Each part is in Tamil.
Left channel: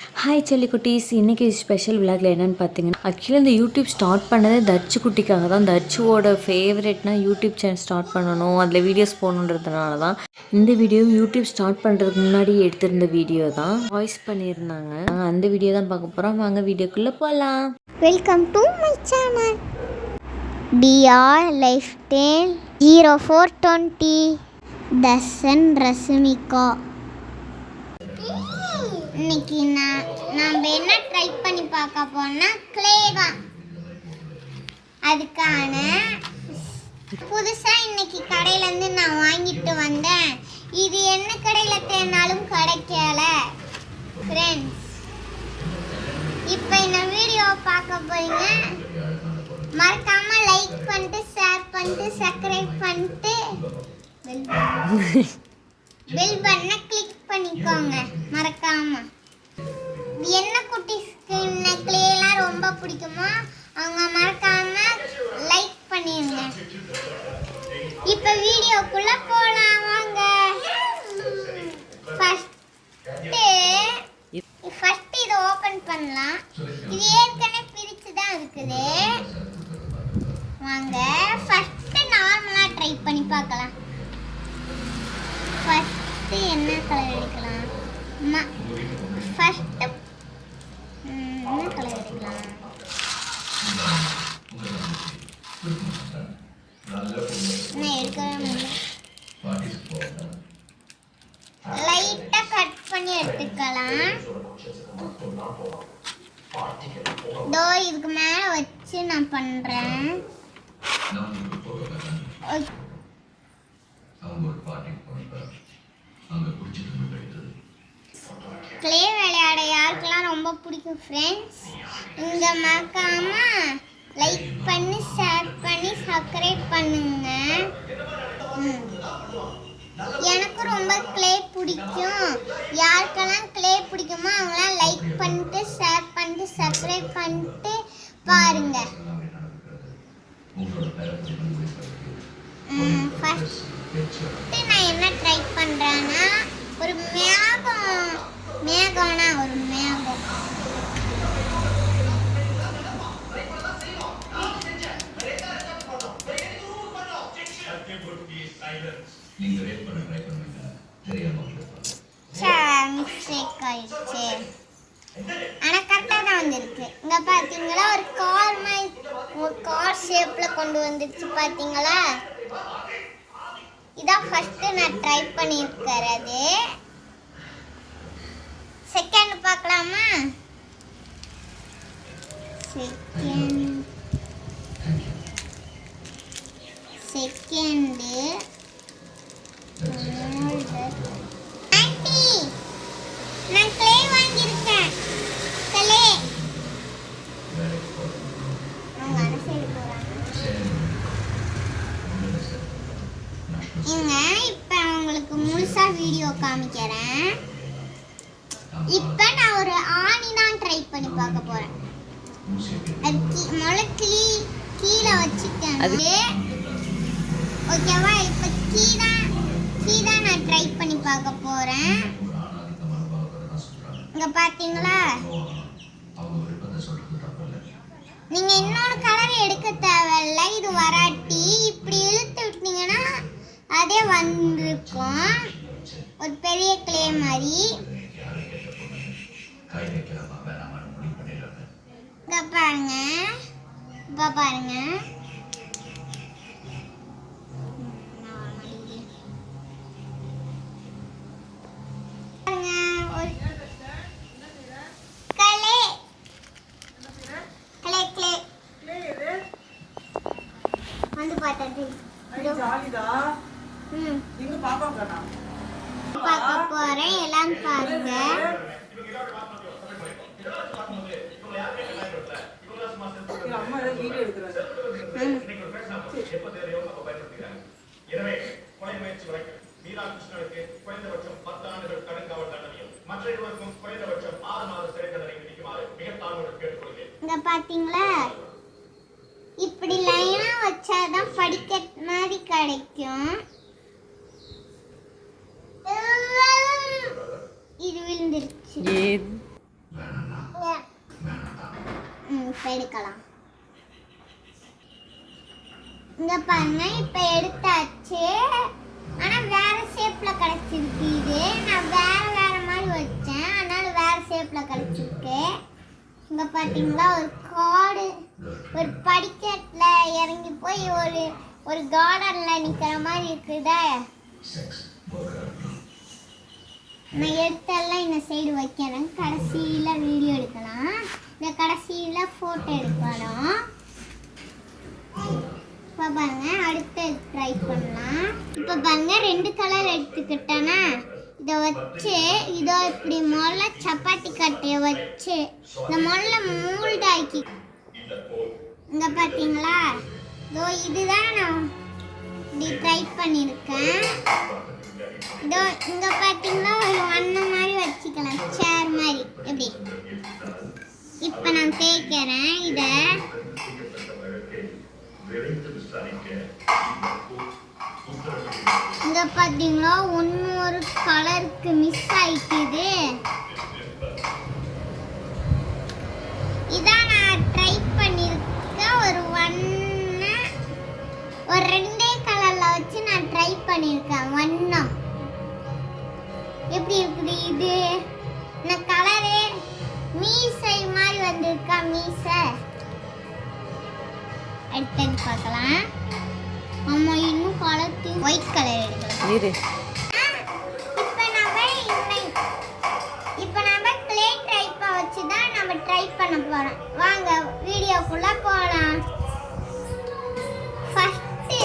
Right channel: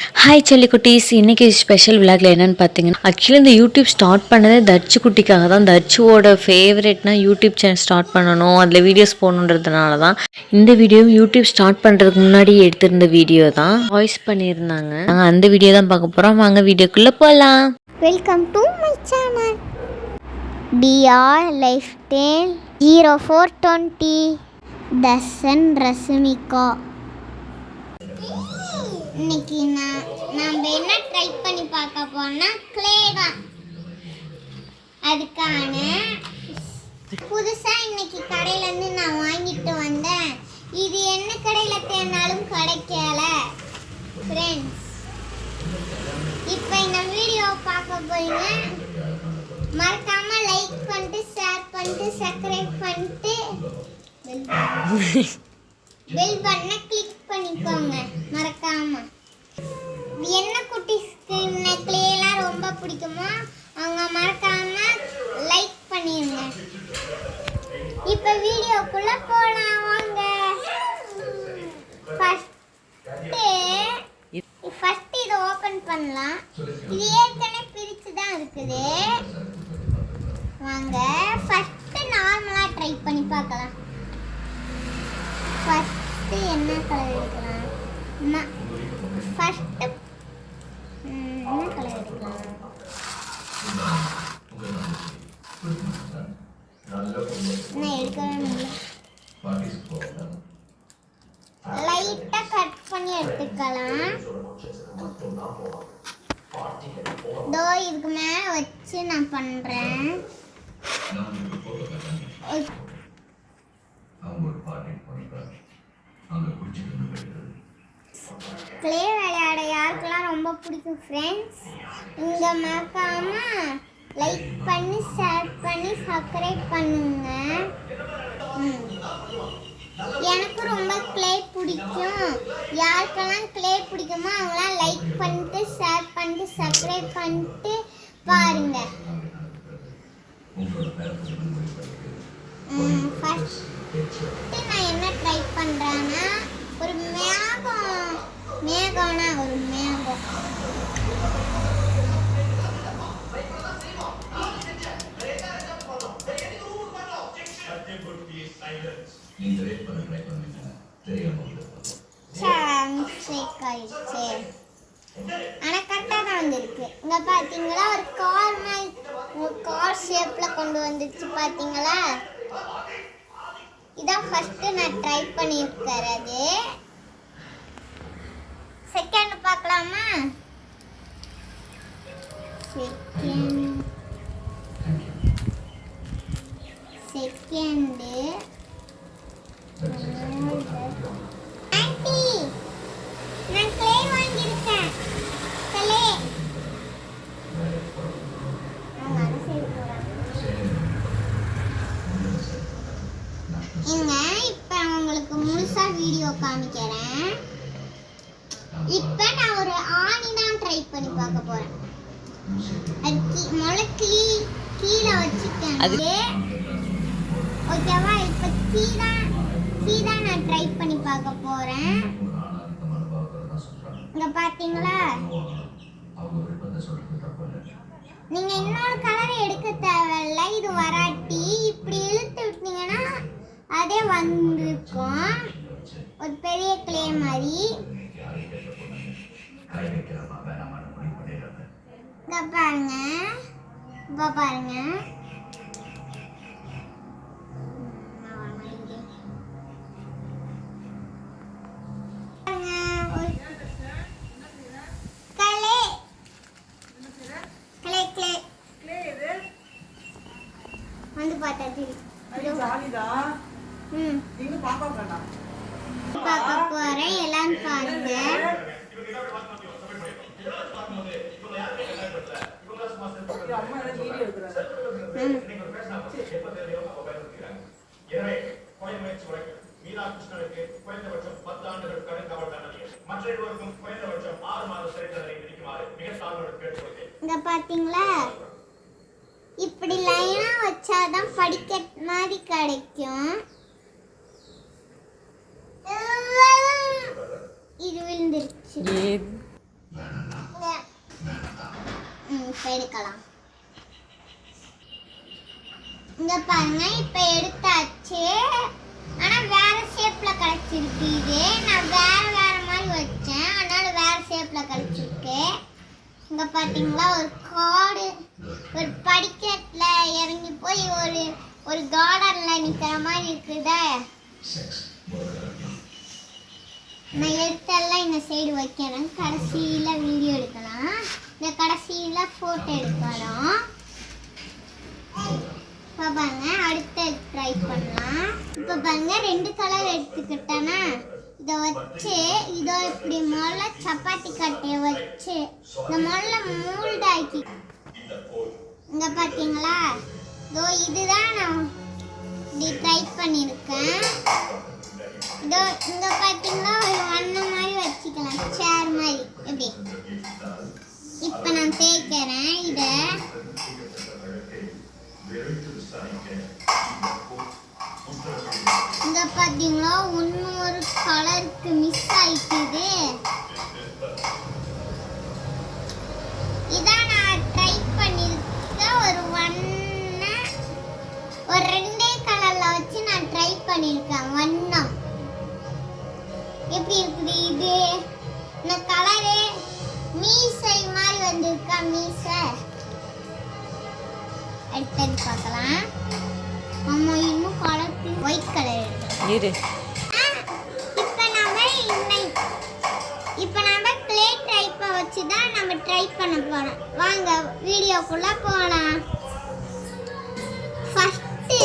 ஹாய் செல்லிக்குட்டீஸ், இன்றைக்கி ஸ்பெஷல் விளாக்ல என்னென்னு பார்த்தீங்கன்னா, ஆக்சுவலி இந்த யூடியூப் ஸ்டார்ட் பண்ணதே தர்ச்சு குட்டிக்காக தான். தர்ச்சுவோட ஃபேவரெட்னா யூடியூப் சேனல் ஸ்டார்ட் பண்ணணும், அதில் வீடியோஸ் போகணுன்றதுனால தான். இந்த வீடியோ யூடியூப் ஸ்டார்ட் பண்ணுறதுக்கு முன்னாடி எடுத்திருந்த வீடியோ தான். வாய்ஸ் பண்ணியிருந்தாங்க. நாங்கள் அந்த வீடியோ தான் பார்க்க போகிறோம். வாங்க வீடியோக்குள்ளே போகலாம். Welcome to my channel TR lifestyle 0420 Darshan Rashmika. இன்னைக்கு நம்ம என்ன ட்ரை பண்ணி பார்க்க போனா கிளே தான். அதுக்கான புதுசாக இன்னைக்கு கடையிலேருந்து நான் வாங்கிட்டு வந்தேன். இது என்ன கடையில் தேடினாலும் கிடைக்கல ஃப்ரெண்ட்ஸ். இப்போ இந்த வீடியோ பார்க்க போறீங்க. மறக்காம லைக் பண்ணிட்டு ஷேர் பண்ணிட்டு சப்ஸ்கிரைப் பண்ணிட்டு பெல் பட்டனை கிளிக் பண்ணிக்கோங்க மறக்காம. என்ன குட்டிஸ்க்கு இந்த கிளேலாம் ரொம்ப பிடிக்குமோ அவங்க மறக்காம லைக் பண்ணிடுங்க. இப்போ வீடியோக்குள்ள போலாம் வாங்க. ஃபர்ஸ்ட் இதை ஓபன் பண்ணலாம். இது ஏற்கனவே பிரிச்சு தான் இருக்குது. வாங்க ஃபர்ஸ்ட் நார்மலா ட்ரை பண்ணி பார்க்கலாம். ஃபர்ஸ்ட் என்ன கலர் எடுக்கலாம்? ஃபர்ஸ்ட் என்ன கலர் எடுக்கலாம்? நான் எடுக்கவே முடியல. லைட்டா கட் பண்ணி எடுத்துக்கலாம். தோ இதுக்கு மேல வச்சு நான் பண்றேன். கிளே விளையாட யாருக்கெல்லாம் ரொம்ப பிடிக்கும் ஃப்ரெண்ட்ஸ், இங்கே மறக்காம லைக் பண்ணி ஷேர் பண்ணி சப்ஸ்கிரைப் பண்ணுங்க. எனக்கு ரொம்ப கிளே பிடிக்கும். யாருக்கெல்லாம் கிளே பிடிக்குமோ அவங்களாம் லைக் பண்ணிட்டு ஷேர் பண்ணிட்டு சப்ஸ்கிரைப் பண்ணிட்டு பாருங்க. ஃபர்ஸ்ட் நான் என்ன ட்ரை பண்ணுறேன்னா ஒரு மேகம்னா ஒரு மேகம். மிஸ்டேக் ஆயிடுச்சு. ஆனால் கரெக்டாக தான் வந்திருக்கு. இங்கே பார்த்தீங்களா ஒரு கார் ஷேப்பில் கொண்டு வந்துச்சு பார்த்தீங்களா. இதான் ஃபர்ஸ்ட் நான் ட்ரை பண்ணியிருக்கிறது. செகண்ட் பார்க்கலாமா? செகண்டு ஆண்டி நான் கிளே வாங்கியிருக்கேன். கிளே அவங்க அந்த சைடு போகிறாங்க. இங்க இப்போ அவங்களுக்கு முழுசா வீடியோ காமிக்கிறேன். இப்போ நான் ஒரு ஆணி தான் ட்ரை பண்ணி பார்க்க போறேன். அது முளைக்கிளி கீழே வச்சுட்டேன். ஓகேவா? இப்போ கீழே நான் ட்ரை பண்ணி பார்க்க போறேன். இங்க பாத்தீங்களா? நீங்க இன்னொரு கலர் எடுக்க தேவையில்லை. இது வராட்டி இப்படி இழுத்து விட்டீங்கன்னா அதே வந்திருக்கும் ஒரு பெரிய கிளே மாதிரி. பாருங்க, இப்ப பாருங்க. வந்து பார்த்தது பார்க்க போறேன். எல்லாம் பாருங்க. இங்க பாத்தீங்களா? இப்படி லைனா வச்சாதான் படிக்கட் மாதிரி கிடைக்கும். இது விழுந்துருச்சு. இப்போ எடுக்கலாம். இங்க பாருங்க, இப்போ எடுத்தாச்சு. ஆனா வேற ஷேப்ல கிடைச்சிருக்கு. இது நான் வேற மாதிரி வச்சேன், அதனால வேற ஷேப்ல கிடைச்சிருக்கு. இங்க பாத்தீங்களா, ஒரு காடு, ஒரு படிக்கட்டுல இறங்கி போய் ஒரு கார்டன்ல நிக்கிற மாதிரி இருக்குதா. நான் எடுத்தெல்லாம் இந்த சைடு வைக்கிறேன். கடைசியில வீடியோ எடுக்கலாம். இந்த கடைசியில போட்டோ எடுக்கலாம். இப்போ பாருங்க, அடுத்து ட்ரை பண்ணலாம். இப்போ பாருங்க, 2 கலர் எடுத்துக்கிட்டேன்னா இதை வச்சு இதோ இப்படி முதல்ல சப்பாத்தி கட்டையை வச்சு இந்த முதல்ல மூல்ட் ஆக்கி, இங்க பாத்தீங்களா, இதோ இதுதான் நான் இப்படி ட்ரை பண்ணியிருக்கேன். இதோ இங்க பாத்தீங்களா, ஒரு வண்ணம் மாதிரி வச்சுக்கலாம், சேர் மாதிரி. எப்படி இப்போ நான் தேய்க்கிறேன். இதை இங்க பாத்தீங்களா, ஒரு கலருக்கு மிஸ் ஆயிட்டுது. இதான் நான் ட்ரை பண்ணிருக்க ஒரு ஒரு 2 கலர்ல வச்சு நான் ட்ரை பண்ணிருக்கேன். வண்ணம் எப்படி இருக்குது இது? இந்த கலரு மீசை மாதிரி வந்திருக்கா, மீசை. அடுத்தது பார்க்கலாம். ஆமா, இன்னும் கலர் ஒயிட் கலர் எடுக்கலாம். இப்போ நம்ம க்ளே டைப்பை வச்சு தான் நம்ம ட்ரை பண்ண போறோம். வாங்க வீடியோக்குள்ள போகலாம். ஃபர்ஸ்ட்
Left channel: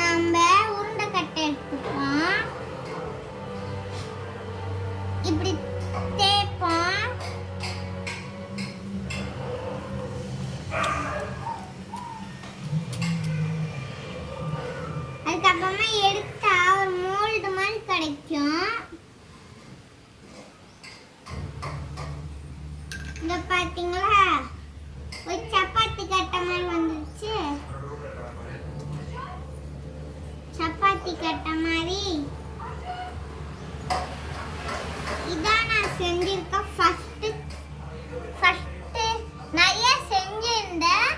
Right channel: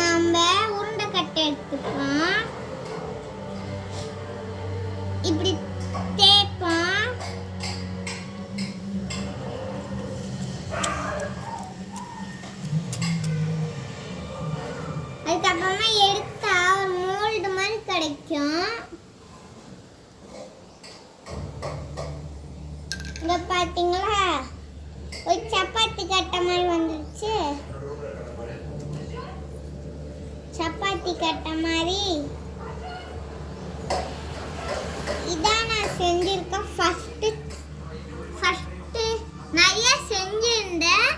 நம்ம உருண்டை கட்டை எடுத்துப்போம். இப்படி தேய்ப்போம். அதுக்கப்புறமா எடுத்தா ஒரு மோல்டு மாதிரி கிடைக்கும். இங்க பாத்தீங்களா, ஒரு சப்பாத்தி கட்டை மாதிரி வந்துருச்சு. சப்பாத்தி கட்டை மாதிரி இதான் நான் செஞ்சிருக்கேன். ஃபர்ஸ்ட் நிறைய செஞ்சிருந்தேன்,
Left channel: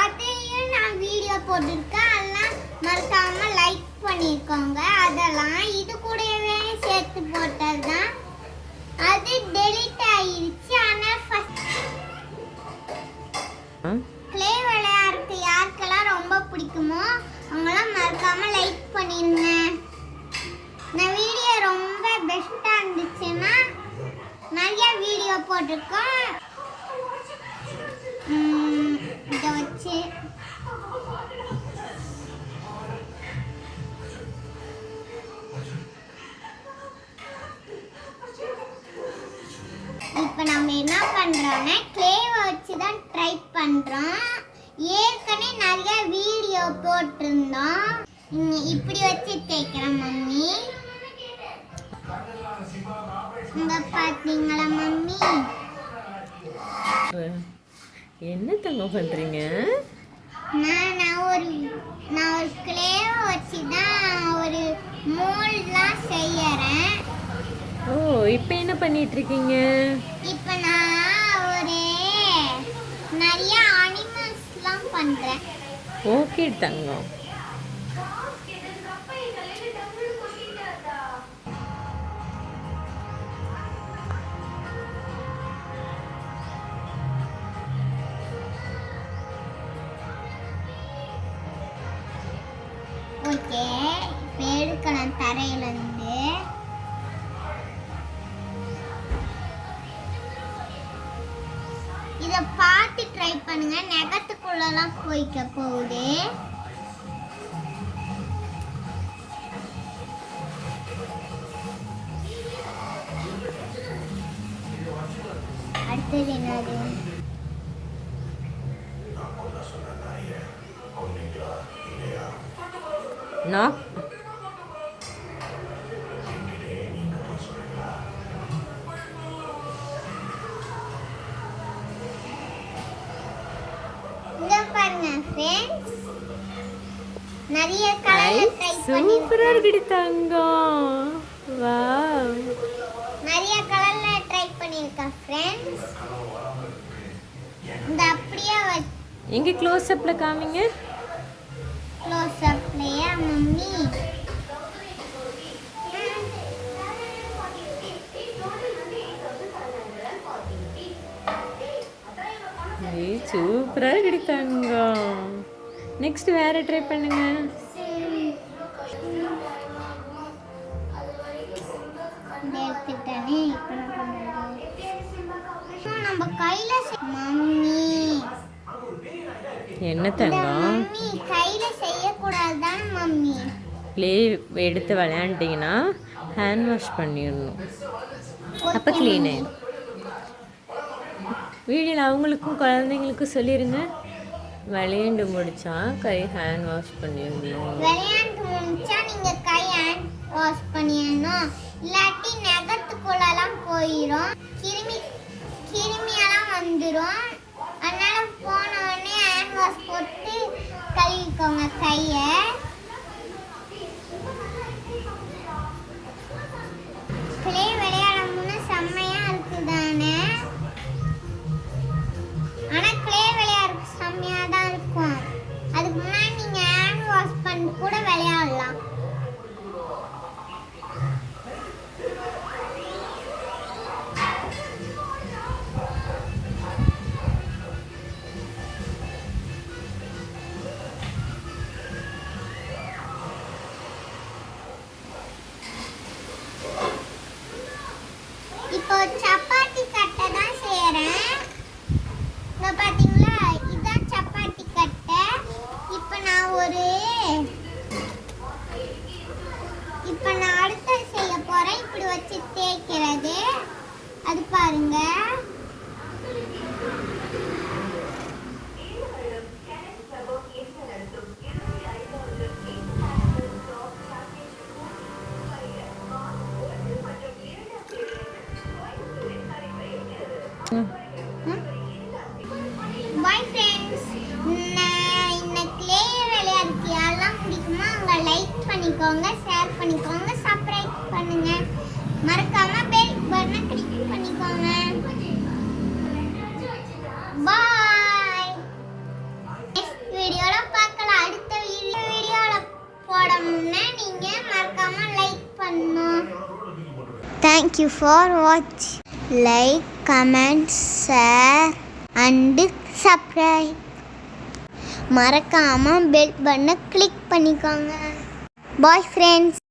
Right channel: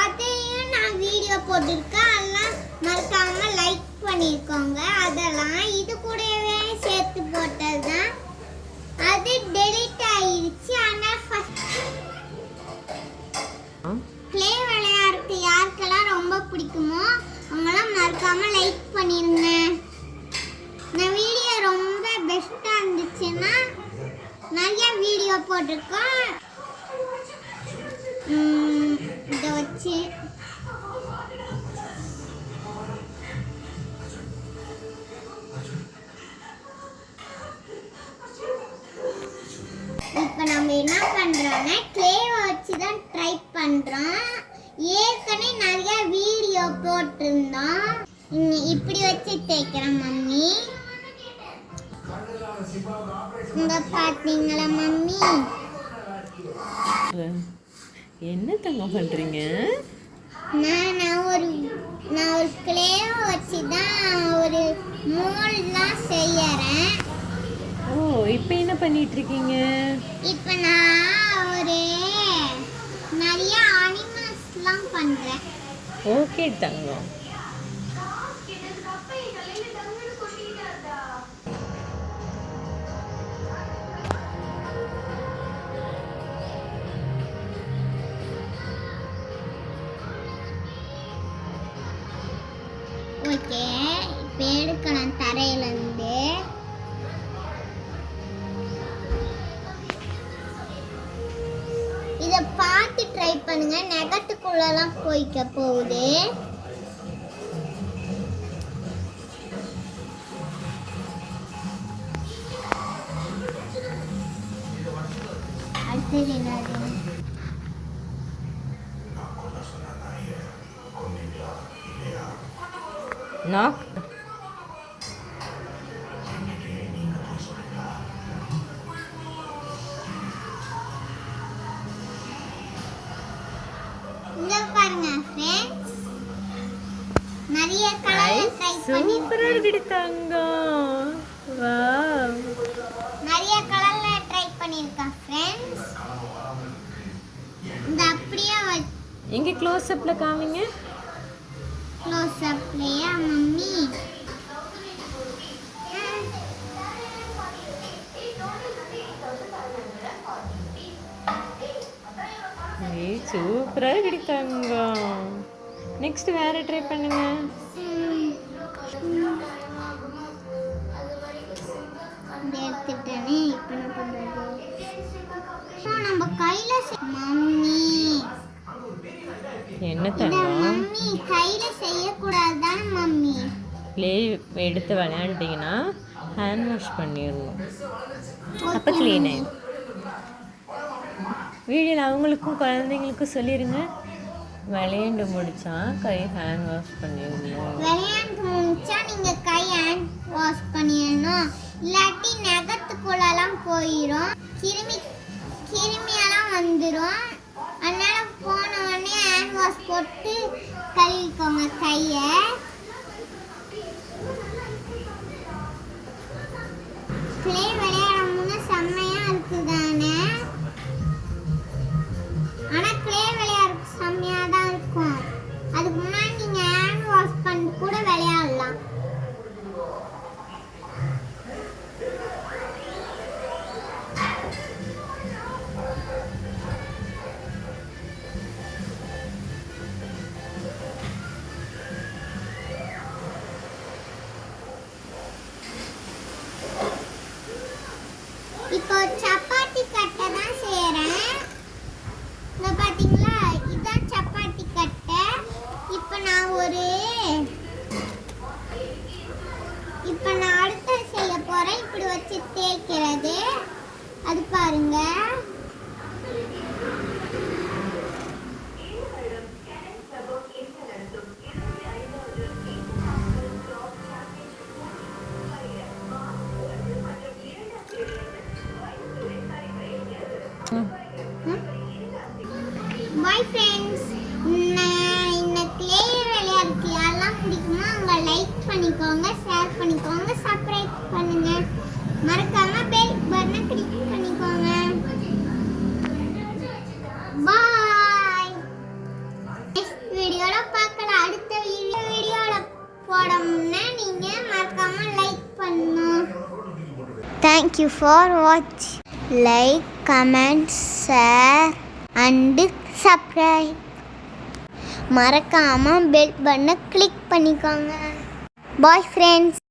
அதையும் நான் வீடியோ போட்டிருக்கேன். அதெல்லாம் மறக்காம லைக் பண்ணிருக்கோங்க. அதெல்லாம் இது கூடவே சேர்த்து போட்டது தான். அது டெலீட் ஆயிடுச்சு. ஆனால் க்ளே விளையாடுறது யாருக்கெல்லாம் ரொம்ப பிடிக்குமோ அவங்களாம் மறக்காம லைக் பண்ணிருங்க. இந்த வீடியோ ரொம்ப பெஸ்ட்டாக இருந்துச்சுன்னா நிறைய வீடியோ போட்டிருக்கோம். இதை வச்சு இப்போ நம்ம என்ன பண்றோம்னா க்ளேவை வச்சு தான் ட்ரை பண்றோம். ஏற்கனவே நிறைய வீடியோ போட்டிருந்தோம். இப்படி வச்சு தேய்க்கிறோம் மம்மி. இங்க பாத்தீங்களா மம்மி, என்ன தங்க பண்றீங்க? நான் ஒரு க்ளேவை வச்சு தான் ஒரு மோல்ட்லாம் செய்யறேன். ஓ, இப்போ என்ன பண்ணிட்டு இருக்கீங்க? இப்போ நான் நிறைய அனிமல்ஸ்லாம் பண்றேன். ஓகே தங்கம். ஓகே, இப்போ எடுக்கலாம் தரையிலேருந்து. இதை பார்த்து ட்ரை பண்ணுங்க, நெகத்துக்குள்ளலாம் போய்க்க போகுது. அடுத்தது என்னது? நாக். இங்க பாருங்க ஃப்ரெண்ட்ஸ், நிறைய கலர் ட்ரை பண்ணி சூப்பரா இருக்கு தங்கம். வாவ், நிறைய கலர்ல ட்ரை பண்ணிருக்கேன் ஃப்ரெண்ட்ஸ். எங்கே க்ளோஸ்அப்பில் காமிங்க. க்ளோஸ் அப்லையா மம்மி? சூப்பராக கிடைத்தாங்க. நெக்ஸ்ட் வேறு ட்ரை பண்ணுங்க. எடுத்துட்டேனே இப்போ நம்ம கையில மம்மி என்ன தங்கம்? மம்மி கையில செய்யக்கூடாதுதான் மம்மி. ப்ளே எடுத்து விளையாண்டிங்கன்னா ஹேண்ட் வாஷ் பண்ணிடணும். அப்போ க்ளீனு. வீடியோவில் அவங்களுக்கும் குழந்தைங்களுக்கும் சொல்லிடுங்க. விளையாண்டு முடிச்சா கை ஹேண்ட் வாஷ் பண்ணிடணும். விளையாண்டு முடிச்சா நீங்கள் கை ஹேண்ட் வாஷ் பண்ணிடணும். இல்லாட்டி நகத்துக்குள்ளெல்லாம் போயிடும், கிருமியெல்லாம் வந்துடும். அதனால போன உடனே ஹேண்ட் வாஷ் போட்டு கழுவிக்கோங்க கையை. கிளே விளையாடணும்னு செம்மையாக இருக்குதானே? ஆனால் கிளே விளையாட செம்மையாக தான் இருக்கும். அதுக்கு முன்னாடி நீங்கள் ஹேண்ட் வாஷ் பண்ணிட்டு கூட விளையாடலாம். இப்போ சப்பாத்தி கட்டை தான் செய்கிறேன். இங்கே பார்த்தீங்களா, இதுதான் சப்பாத்தி கட்டை. இப்போ நான் அடுத்த செய்ய போகிறேன். இப்படி வச்சு தேய்க்கிறது. அது பாருங்க. பாய் ஃப்ரெண்ட்ஸ், இந்த கிளே விளையாடுறதுக்கு யாரெல்லாம் பிடிக்குமோ அவங்க லைக் பண்ணிக்கோங்க, ஷேர் பண்ணிக்கோங்க, சப்ஸ்கிரைப் பண்ணுங்க. மறக்காம பெல் பட்டனை கிளிக் பண்ணிக்கோங்க. பாய். நெக்ஸ்ட் வீடியோல பார்க்கலாம். அடுத்த வீடியோல போடணும்னா நீங்க மறக்காம லைக் பண்ணணும். Thank you for watching. Like, comment, share and subscribe. மறக்காம பெல் பட்டனை கிளிக் பண்ணிக்கோங்க. Bye friends.